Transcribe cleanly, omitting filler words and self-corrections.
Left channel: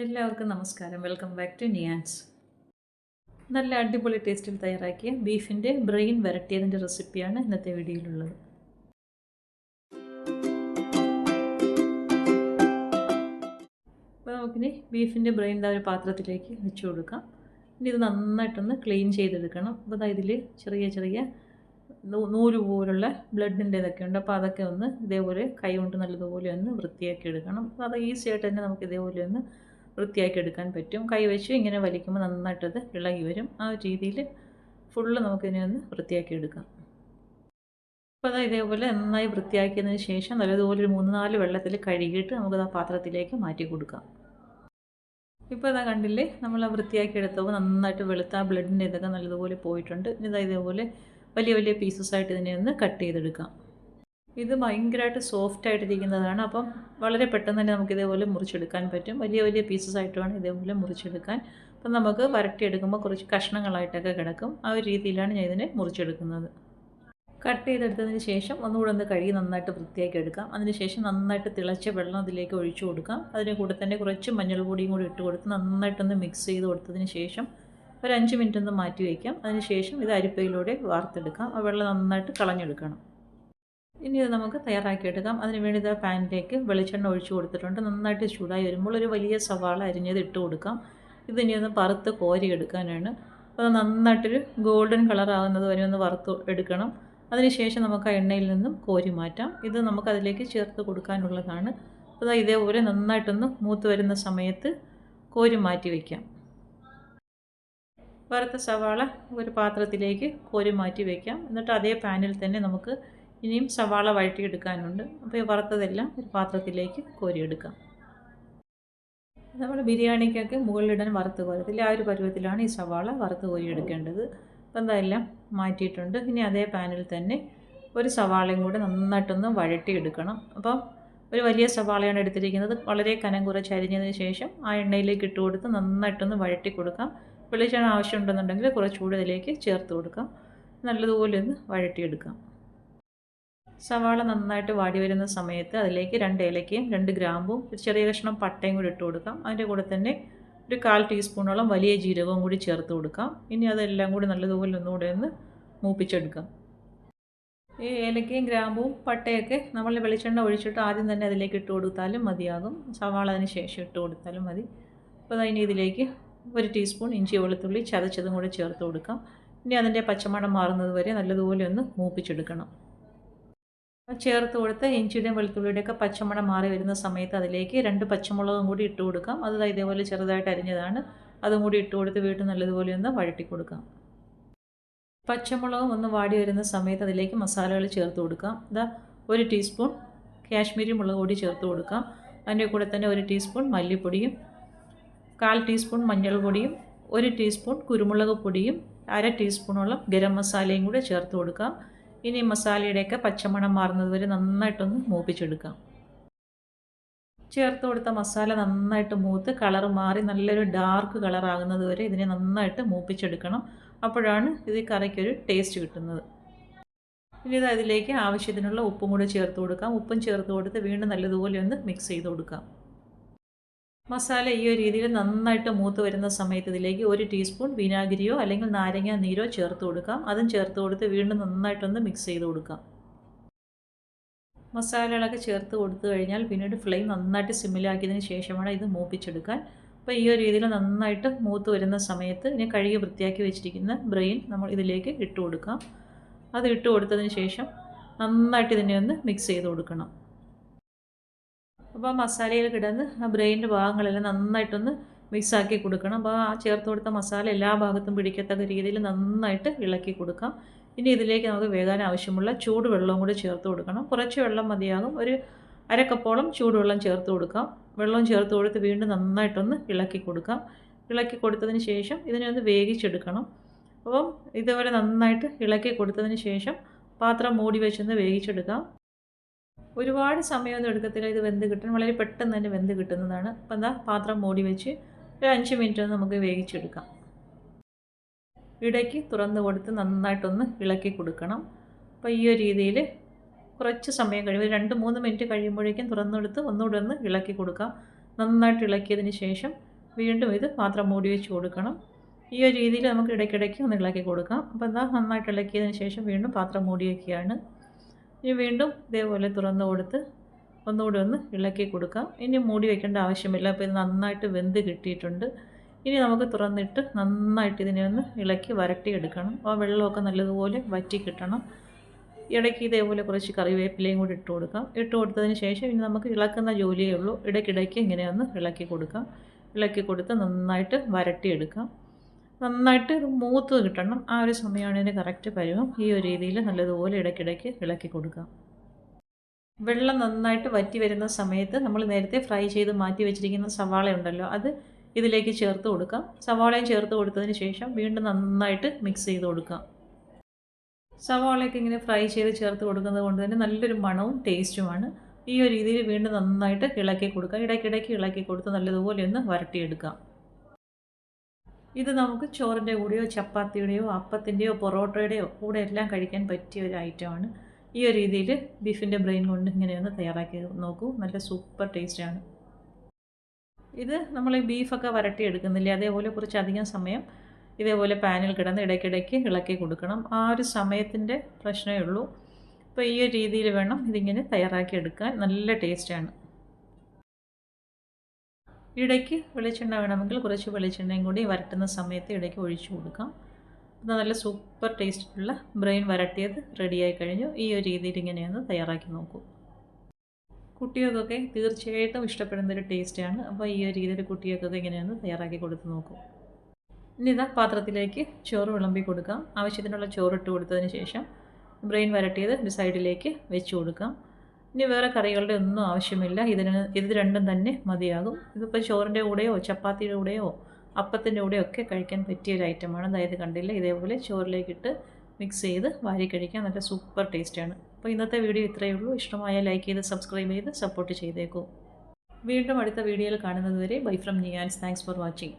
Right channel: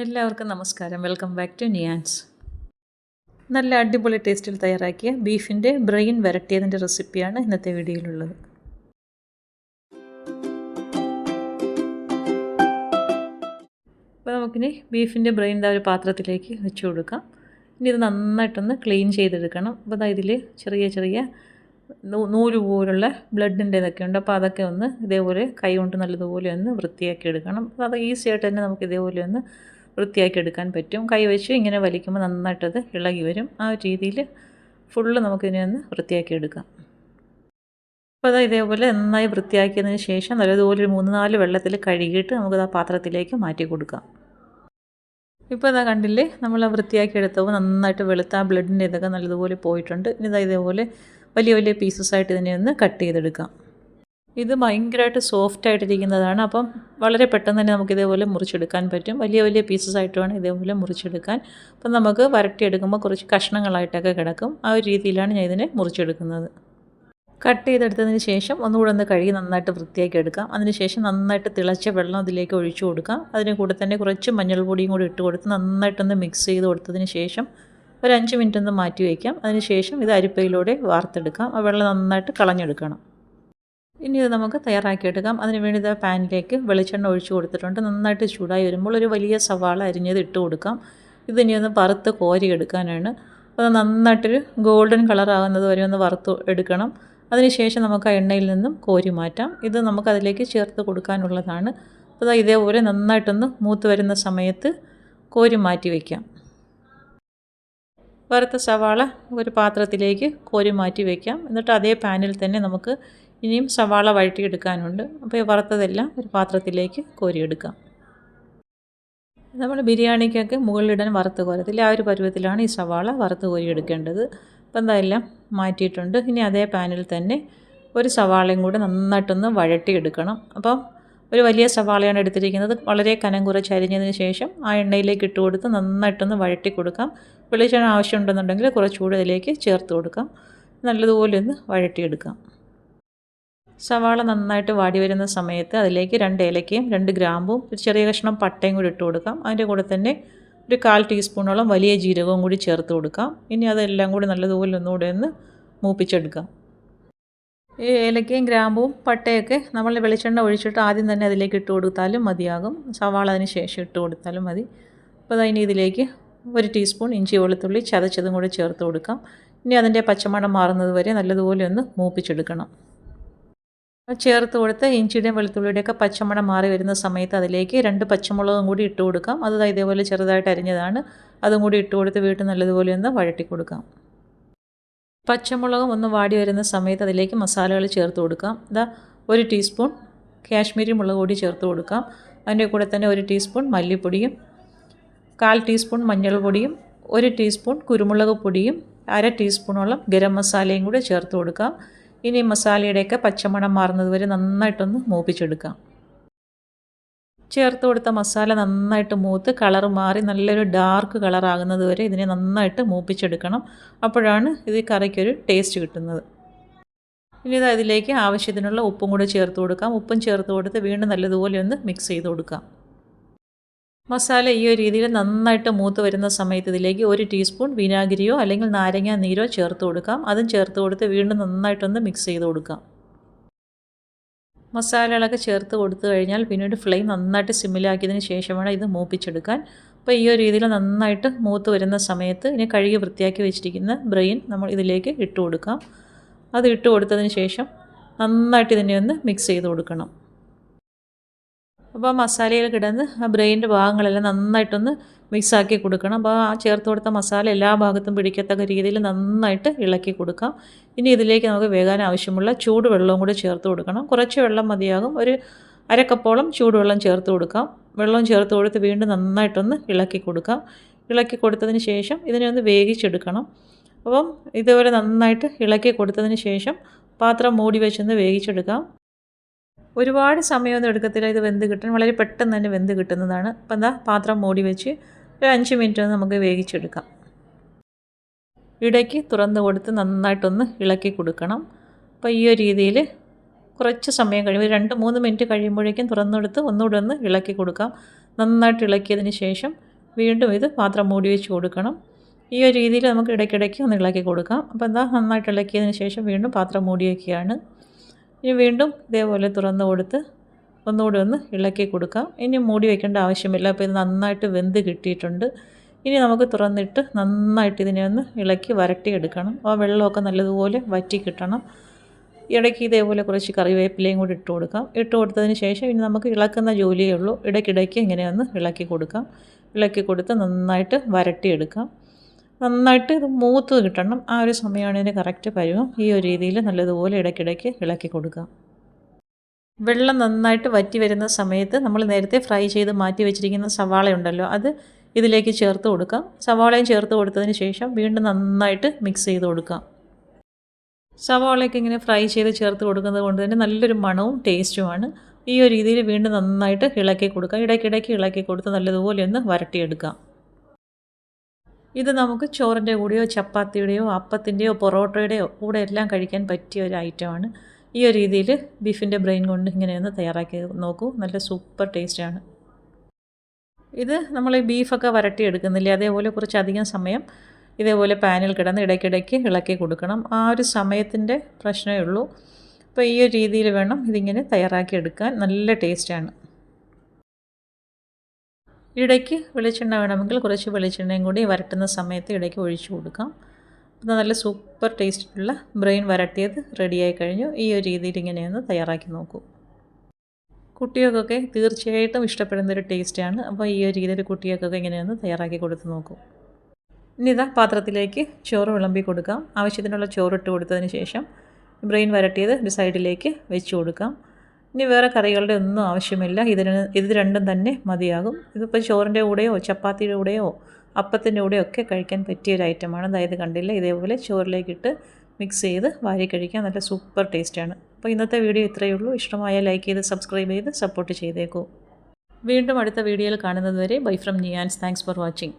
എല്ലാവർക്കും നമസ്കാരം. Welcome back to Niyans. നല്ല അടിപൊളി ടേസ്റ്റിൽ തയ്യാറാക്കിയ ബീഫിൻ്റെ ബ്രെയിൻ വരട്ടിയതിൻ്റെ റെസിപ്പിയാണ് ഇന്നത്തെ വീഡിയോയിലുള്ളത്. അപ്പോൾ നമുക്കിനി ബീഫിൻ്റെ ബ്രെയിൻ ഒരു പാത്രത്തിലേക്ക് വെച്ച് കൊടുക്കാം. ഇനി ഇത് നന്നായിട്ടൊന്ന് ക്ലീൻ ചെയ്തെടുക്കണം. അപ്പോൾ ഇതിൽ ചെറിയ ചെറിയ നൂല് പോലുള്ള ബ്ലഡിൻ്റെ ഇതൊക്കെ ഉണ്ട്. അപ്പോൾ അതൊക്കെ ഒന്ന് ഇതേപോലെ കൈ കൊണ്ട് നല്ലതുപോലെ ഒന്ന് വൃത്തിയാക്കി എടുക്കണം. അപ്പോൾ അത് ഈസി ആയിട്ട് തന്നെ നമുക്ക് ഇതേപോലെ ഒന്ന് വൃത്തിയാക്കി എടുക്കാൻ പറ്റും. കൈ വെച്ച് ഇങ്ങനെ വലിക്കുമ്പോൾ നന്നായിട്ടത് ഇളകി വരും. ആ ഒരു രീതിയിൽ ഫുള്ള് നമുക്കിതിനെ ഒന്ന് വൃത്തിയാക്കി എടുക്കാം. അപ്പോൾ അത് ഇതേപോലെ നന്നായി വൃത്തിയാക്കിയതിന് ശേഷം നല്ലതുപോലെ ഒരു 3-4 വെള്ളത്തിൽ കഴുകിയിട്ട് നമുക്കത് ആ പാത്രത്തിലേക്ക് മാറ്റി കൊടുക്കാം. ഇപ്പോൾ ഇതാ കണ്ടില്ലേ, നമ്മൾ ആ വൃത്തിയാക്കി എടുത്തപ്പോൾ നന്നായിട്ട് വെളുത്ത ആ ബ്ലഡിൻ്റെ ഇതൊക്കെ നല്ലതുപോലെ പോയിട്ടുണ്ട്. ഇനി ഇതേപോലെ വലിയ വലിയ പീസസായിട്ട് ഇതിനെ ഒന്ന് കട്ട് ചെയ്തെടുക്കാം. ഇത് ഭയങ്കരമായിട്ട് സോഫ്റ്റായിട്ടിരിക്കുന്നതാണ്. അപ്പം വളരെ പെട്ടെന്ന് തന്നെ നമുക്കിതേപോലെ മുറിച്ചെടുക്കാൻ പറ്റും. വലിയ വലിയ പീസസായിട്ട് വേണം ഇതേപോലെ മുറിച്ചെടുക്കാൻ. അപ്പം നമുക്ക് വരട്ടിയെടുക്കുമ്പോൾ കുറച്ച് കഷ്ണങ്ങളായിട്ടൊക്കെ കിടക്കും. ആ ഒരു രീതിയിലാണ് ഞാൻ ഇതിനെ മുറിച്ചെടുക്കുന്നത്. കട്ട് ചെയ്തെടുത്തതിന് ശേഷം ഒന്നുകൂടെ ഒന്ന് കഴുകി നന്നായിട്ട് വൃത്തിയാക്കി എടുക്കാം. അതിനുശേഷം നന്നായിട്ട് തിളച്ച വെള്ളം അതിലേക്ക് ഒഴിച്ചു കൊടുക്കാം. അതിന് കൂടെ തന്നെ കുറച്ച് മഞ്ഞൾപ്പൊടിയും കൂടി ഇട്ട് കൊടുത്ത് നന്നായിട്ടൊന്ന് മിക്സ് ചെയ്ത് കൊടുത്തതിന് ശേഷം ഒരു 5 മിനിറ്റ് ഒന്ന് മാറ്റി വയ്ക്കാം. അതിനുശേഷം ഇത് അരിപ്പയിലൂടെ വാർത്തെടുക്കാം. ആ വെള്ളം നന്നായിട്ട് കളഞ്ഞെടുക്കണം. ഇനി ഇത് നമുക്ക് തയ്യാറാക്കിയെടുക്കാം. അതിന് വേണ്ടി ഇത് പാനിലേക്ക് വെളിച്ചെണ്ണ ഒഴിച്ച് കൊടുത്തിട്ടുണ്ട്. നന്നായിട്ട് ചൂടായി വരുമ്പോൾ ഒരു വലിയ സവാള അരിഞ്ഞത് ഇട്ട് കൊടുക്കാം. ഇതിനി ഒന്ന് വറുത്ത് കോരി എടുക്കാനാണ്. അത് നന്നായിട്ടൊരു ഗോൾഡൻ കളറാകുന്നത് വരെ ഒന്ന് വറുത്ത് എടുക്കണം. അതിനുശേഷം നമുക്ക് ആ എണ്ണയിൽ നിന്നും കോരി മാറ്റാം. ഇത് നമുക്കതിലേക്ക് ചേർത്ത് കൊടുക്കാനുള്ളതാണ്. അപ്പോൾ ഇതേപോലെ നന്നായിട്ടൊന്ന് മൂത്ത് വരുന്ന സമയത്ത് കോരി മാറ്റി വയ്ക്കാം. വറുത്ത സവാള ഒരു പാത്രത്തിലേക്ക് കോരി മാറ്റി വയ്ക്കാം. എന്നിട്ട് അതേ പാനിൽ തന്നെ നമുക്ക് ഇനിയും സവാള വഴറ്റിയെടുക്കാനുണ്ട്. അപ്പോൾ ഈ വറുത്തതെല്ലാം ഒരു പാത്രത്തിലേക്ക് കോരിയെടുക്കാം. നമ്മൾ ബിരിയാണിക്കൊക്കെ മുകളിലിടാൻ വറുത്ത് കോരത്തില്ല, ആ ഒരു പരുവത്തിലാണ് ഈ സവാള വറുത്ത് കോരിയെടുക്കേണ്ടത്. അപ്പോൾ എന്തായാലും മാറ്റിയിട്ടുണ്ട്. ഇനി അതേ പാനിൽ തന്നെ ഒരു സവാളയും കൂടെ നന്നായിട്ടൊന്ന് വഴറ്റിയെടുക്കണം. അപ്പം ഒരു വലിയ സവാളയാണ് എടുത്തിരിക്കുന്നത്. വളരെ കനം കുറച്ച് അരിഞ്ഞതിന് ശേഷം ആ എണ്ണയിലേക്ക് ഇട്ട് കൊടുത്ത് നന്നായിട്ടൊന്ന് വഴറ്റി കൊടുക്കാം. വെളിച്ചെണ്ണ ആവശ്യമുണ്ടെന്നുണ്ടെങ്കിൽ കുറച്ചുകൂടി ഇതിലേക്ക് ചേർത്ത് കൊടുക്കാം. നല്ലതുപോലെ ഒന്ന് വഴറ്റിയെടുക്കാം. സവാള നന്നായിട്ട് വാടി വരുന്ന സമയത്ത് അതിലേക്ക് 2 ഏലക്കയും 2 ഗ്രാമ്പും ഒരു ചെറിയ കഷ്ണം പട്ടയും കൂടി ഇട്ട് കൊടുക്കാം. അതിൻ്റെ കൂടെ തന്നെ ഒരു 1/4 ടീസ്പൂണോളം വലിയ ജീരകവും കൂടി ചേർത്ത് കൊടുക്കാം. ഇനി അതെല്ലാം കൂടി നല്ലതുപോലെ ഒന്നുകൂടെ ഒന്ന് മൂപ്പിച്ചെടുക്കാം. ഈ ഏലക്കയും ഗ്രാമ്പും പട്ടയൊക്കെ നമ്മൾ വെളിച്ചെണ്ണ ഒഴിച്ചിട്ട് ആദ്യം തന്നെ അതിലേക്ക് ഇട്ട് കൊടുത്താലും മതിയാകും. സവാള അതിന് ശേഷം ഇട്ട് കൊടുത്താലും മതി. അപ്പോൾ അതിന് ഇതിലേക്ക് 1 ടീസ്പൂൺ ഇഞ്ചി വെളുത്തുള്ളി ചതച്ചതും കൂടി ചേർത്ത് കൊടുക്കാം. ഇനി അതിൻ്റെ പച്ചമണം മാറുന്നത് വരെ നല്ലതുപോലെ ഒന്ന് മൂപ്പിച്ചെടുക്കണം. ചേർത്ത് കൊടുത്ത് ഇഞ്ചിയുടെയും വെളുത്തുള്ളിയുടെയൊക്കെ പച്ചമണം മാറി വരുന്ന സമയത്ത് അതിലേക്ക് 2 പച്ചമുളകും കൂടി ഇട്ട് കൊടുക്കാം. അത് ഇതേപോലെ ചെറുതായിട്ട് അരിഞ്ഞതാണ്. അതും കൂടി ഇട്ട് കൊടുത്ത് വീണ്ടും നല്ലതുപോലെ ഒന്ന് വഴറ്റി കൊടുക്കാം. പച്ചമുളകും ഒന്ന് വാടി വരുന്ന സമയത്ത് അതിലേക്ക് മസാലകൾ ചേർത്ത് കൊടുക്കാം. 1 ടീസ്പൂൺ കാശ്മീരി മുളക് പൊടി ചേർത്ത് കൊടുക്കാം. അതിൻ്റെ കൂടെ തന്നെ 1 ടീസ്പൂൺ മല്ലിപ്പൊടിയും 1/4 ടീസ്പൂൺ മഞ്ഞൾപ്പൊടിയും 1 ടീസ്പൂൺ കുരുമുളക് പൊടിയും 1/2 ടീസ്പൂണോളം ഗരം മസാലയും കൂടെ ചേർത്ത് കൊടുക്കാം. ഇനി മസാലയുടെയൊക്കെ പച്ചമണം മാറുന്നത് വരെ നന്നായിട്ടൊന്ന് മൂപ്പിച്ചെടുക്കാം. ചേർത്ത് കൊടുത്ത മസാല നന്നായിട്ട് മൂത്ത് കളർ മാറി നല്ലൊരു ഡാർക്ക് കളറാകുന്നത് വരെ ഇതിനെ നന്നായിട്ട് മൂപ്പിച്ചെടുക്കണം. അപ്പോഴാണ് ഇത് കറിക്കൊരു ടേസ്റ്റ് കിട്ടുന്നത്. ഇനി ഇതിലേക്ക് ആവശ്യത്തിനുള്ള ഉപ്പും കൂടെ ചേർത്ത് കൊടുക്കാം. ഉപ്പും ചേർത്ത് കൊടുത്ത് വീണ്ടും നല്ലതുപോലെ ഒന്ന് മിക്സ് ചെയ്ത് കൊടുക്കാം. മസാല ഈ ഒരു രീതിയിൽ നന്നായിട്ട് മൂത്ത് വരുന്ന സമയത്ത് ഇതിലേക്ക് 1 ടീസ്പൂൺ വിനാഗിരിയോ അല്ലെങ്കിൽ നാരങ്ങ നീരോ ചേർത്ത് കൊടുക്കാം. അതും ചേർത്ത് കൊടുത്ത് വീണ്ടും നന്നായിട്ടൊന്ന് മിക്സ് ചെയ്ത് കൊടുക്കാം. മസാലകളൊക്കെ ചേർത്ത് കൊടുത്തു കഴിഞ്ഞാൽ പിന്നീട് ഫ്ലെയിം നന്നായിട്ട് സിമ്മിലാക്കിയതിന് ശേഷം വേണം ഇത് മൂപ്പിച്ചെടുക്കാൻ. അപ്പോൾ ഈ ഒരു രീതിയിൽ നന്നായിട്ട് മൂത്ത് വരുന്ന സമയത്ത് ഇനി കഴുകി വൃത്തിയാക്കി വെച്ചിരിക്കുന്ന ബ്രെയിൻ നമ്മൾ ഇതിലേക്ക് ഇട്ട് കൊടുക്കാം. അത് ഇട്ട് കൊടുത്തതിന് ശേഷം നന്നായിട്ട് ഇതിനെ ഒന്ന് മിക്സ് ചെയ്ത് കൊടുക്കണം. അപ്പോൾ മസാലയിൽ കിടന്ന് ആ ബ്രെയിൻ്റെ ഭാഗങ്ങളെല്ലാം നന്നായിട്ടൊന്ന് മിക്സാക്കി കൊടുക്കണം. അപ്പോൾ ആ ചേർത്ത് കൊടുത്ത മസാല എല്ലാ ഭാഗത്തും പിടിക്കത്തക്ക രീതിയിൽ നന്നായിട്ട് ഇളക്കി കൊടുക്കാം. ഇനി ഇതിലേക്ക് നമുക്ക് വേകാൻ ആവശ്യമുള്ള ചൂടുവെള്ളവും കൂടി ചേർത്ത് കൊടുക്കണം. കുറച്ച് വെള്ളം മതിയാകും. ഒരു 1/2 കപ്പോളം ചൂടുവെള്ളം ചേർത്ത് കൊടുക്കാം. വെള്ളം ചേർത്ത് കൊടുത്ത് വീണ്ടും നന്നായിട്ടൊന്ന് ഇളക്കി കൊടുക്കാം. ഇളക്കി കൊടുത്തതിന് ശേഷം ഇതിനെ ഒന്ന് വേവിച്ചെടുക്കണം. അപ്പം ഇതുപോലെ നന്നായിട്ട് ഇളക്കി കൊടുത്തതിന് ശേഷം പാത്രം മൂടി വെച്ചൊന്ന് വേവിച്ചെടുക്കാം. ഒരുപാട് സമയമൊന്നും എടുക്കത്തില്ല. ഇത് വെന്ത് കിട്ടാൻ വളരെ പെട്ടെന്ന് തന്നെ വെന്ത് കിട്ടുന്നതാണ്. അപ്പം പാത്രം മൂടി വെച്ച് ഒരു 5 മിനിറ്റ് നമുക്ക് വേവിച്ചെടുക്കാം. ഇടയ്ക്ക് തുറന്ന് കൊടുത്ത് നന്നായിട്ടൊന്ന് ഇളക്കി കൊടുക്കണം. അപ്പോൾ ഈ ഒരു രീതിയിൽ കുറച്ച് സമയം കഴിയുമ്പോൾ 2-3 മിനിറ്റ് കഴിയുമ്പോഴേക്കും തുറന്നെടുത്ത് ഒന്നുകൂടെ ഒന്ന് ഇളക്കി കൊടുക്കാം. നന്നായിട്ട് ഇളക്കിയതിന് ശേഷം വീണ്ടും ഇത് പാത്രം മൂടി വെച്ച് കൊടുക്കണം. ഈ ഒരു രീതിയിൽ നമുക്ക് ഇടയ്ക്കിടയ്ക്ക് ഒന്ന് ഇളക്കി കൊടുക്കാം. അപ്പോൾ എന്താ നന്നായിട്ട് ഇളക്കിയതിന് ശേഷം വീണ്ടും പാത്രം മൂടി വയ്ക്കുകയാണ്. ഇനി വീണ്ടും ഇതേപോലെ തുറന്ന് കൊടുത്ത് ഒന്നുകൂടി ഒന്ന് ഇളക്കി കൊടുക്കാം. ഇനി മൂടി വയ്ക്കേണ്ട ആവശ്യമില്ല. അപ്പോൾ ഇത് നന്നായിട്ട് വെന്ത് കിട്ടിയിട്ടുണ്ട്. ഇനി നമുക്ക് തുറന്നിട്ട് നന്നായിട്ട് ഇതിനെ ഒന്ന് ഇളക്കി വരട്ടിയെടുക്കണം. ആ വെള്ളമൊക്കെ നല്ലതുപോലെ വറ്റി കിട്ടണം. ഇടയ്ക്ക് ഇതേപോലെ കുറച്ച് കറിവേപ്പിലയും കൂടി ഇട്ട് കൊടുക്കാം. ഇട്ട് കൊടുത്തതിന് ശേഷം ഇനി നമുക്ക് ഇളക്കുന്ന ജോലിയേ ഉള്ളൂ. ഇടയ്ക്കിടയ്ക്ക് ഇങ്ങനെ ഒന്ന് ഇളക്കി കൊടുക്കാം. ഇളക്കി കൊടുത്ത് നന്നായിട്ട് വരട്ടിയെടുക്കാം. നന്നായിട്ട് ഇത് മൂത്ത് കിട്ടണം. ആ ഒരു സമയമാണ് ഇതിന് കറക്റ്റ് പരുവം. ഈ ഒരു രീതിയിൽ നല്ലതുപോലെ ഇടയ്ക്കിടയ്ക്ക് ഇളക്കി കൊടുക്കാം. വെള്ളം നന്നായിട്ട് വറ്റി വരുന്ന സമയത്ത് നമ്മൾ നേരത്തെ ഫ്രൈ ചെയ്ത് മാറ്റി വെച്ചിരിക്കുന്ന സവാള ഉണ്ടല്ലോ, അത് ഇതിലേക്ക് ചേർത്ത് കൊടുക്കാം. സവാളയും ചേർത്ത് കൊടുത്തതിന് ശേഷം വീണ്ടും നന്നായിട്ട് മിക്സ് ചെയ്ത് കൊടുക്കാം. സവാളയൊക്കെ ഇങ്ങനെ ഫ്രൈ ചെയ്ത് ചേർത്ത് കൊടുക്കുന്നത് കൊണ്ട് തന്നെ നല്ലൊരു മണവും ടേസ്റ്റുമാണ്. ഈ ഒരു രീതിയിൽ വീണ്ടും നന്നായിട്ട് ഇളക്കി കൊടുക്കാം. ഇടയ്ക്കിടയ്ക്ക് ഇളക്കി കൊടുത്ത് നല്ലതുപോലെ ഒന്ന് വരട്ടിയെടുക്കാം. ഇത് നമുക്ക് ചോറിൻ്റെ കൂടെയോ ചപ്പാത്തിയുടെയോ അപ്പത്തിൻ്റെയോ പൊറോട്ടയുടെയോ കൂടെ എല്ലാം കഴിക്കാൻ പറ്റിയ ഒരു ഐറ്റമാണ്. ഈ ഒരു രീതിയിൽ ബീഫിൻ്റെ ബ്രെയിൻ കൊണ്ട് ഇങ്ങനെയൊന്ന് തയ്യാറാക്കി നോക്കൂ. നല്ല സൂപ്പർ ടേസ്റ്റാണ്. ഇത് നമ്മൾ ബീഫൊക്കെ വരട്ടിയെടുക്കുന്നില്ലേ, അതേപോലെ കുറച്ചധികം സമയം ഇതേപോലെ പാനിൽ കിടന്ന് ഇടയ്ക്കിടയ്ക്ക് ഇളക്കി കൊടുക്കണം. ആ ഒരു സമയത്തിൻ്റെ പ്രശ്നമേ ഉള്ളൂ. അപ്പോൾ ഈ ഒരു രീതിയിൽ വേണം ഇതിങ്ങനെ തയ്യാറാക്കി എടുക്കാൻ. നല്ല ടേസ്റ്റാണ്. ഇടയ്ക്ക് വെളിച്ചെണ്ണ വേണമെങ്കിൽ കുറച്ച് വെളിച്ചെണ്ണയും കൂടി വരട്ടുന്ന സമയത്ത് ഇടയ്ക്ക് ഒഴിച്ചു കൊടുക്കാം. അത് നല്ല സൂപ്പർ ടേസ്റ്റുള്ള ബ്രെയിൻ വരട്ടിയത് റെഡിയായി കഴിഞ്ഞു. ഈ ഒരു രീതിയിൽ ഇങ്ങനെയൊന്ന് തയ്യാറാക്കി നോക്കൂ. കുട്ടികൾക്കൊക്കെ തീർച്ചയായിട്ടും ഇഷ്ടപ്പെടുന്നൊരു ടേസ്റ്റാണ്. അപ്പോൾ ഈ ഒരു രീതിയിൽ കുട്ടികൾക്കൊക്കെ ഇങ്ങനെയൊന്ന് തയ്യാറാക്കി കൊടുത്ത് നോക്കൂ. ഇനി ഇതാ പാത്രത്തിലേക്ക് ചോറ് വിളമ്പി കൊടുക്കാം. ആവശ്യത്തിനുള്ള ചോറിട്ട് കൊടുത്തതിന് ശേഷം ബ്രെയിൻ വരട്ടിയത് ഒരു സൈഡിലേക്ക് വെച്ച് കൊടുക്കാം. ഇനി വേറെ കറികളുടെ ഒന്നും ആവശ്യമില്ല. ഇത് രണ്ടും തന്നെ മതിയാകും. ഇതിപ്പോൾ ചോറിൻ്റെ കൂടെയോ ചപ്പാത്തിയുടെ കൂടെയോ അപ്പത്തിൻ്റെ കൂടെയോ ഒക്കെ കഴിക്കാൻ പറ്റിയൊരു ഐറ്റമാണ്. അതായത് കണ്ടില്ല, ഇതേപോലെ ചോറിലേക്കിട്ട് മിക്സ് ചെയ്ത് വാരി കഴിക്കാൻ നല്ല സൂപ്പർ ടേസ്റ്റാണ്. അപ്പോൾ ഇന്നത്തെ വീഡിയോ ഇത്രയേ ഉള്ളൂ. ഇഷ്ടമായാൽ ലൈക്ക് ചെയ്ത് സബ്സ്ക്രൈബ് ചെയ്ത് സപ്പോർട്ട് ചെയ്തേക്കൂ. വീണ്ടും അടുത്ത വീഡിയോയിൽ കാണുന്നത് വരെ bye from Niyans. Thanks for watching.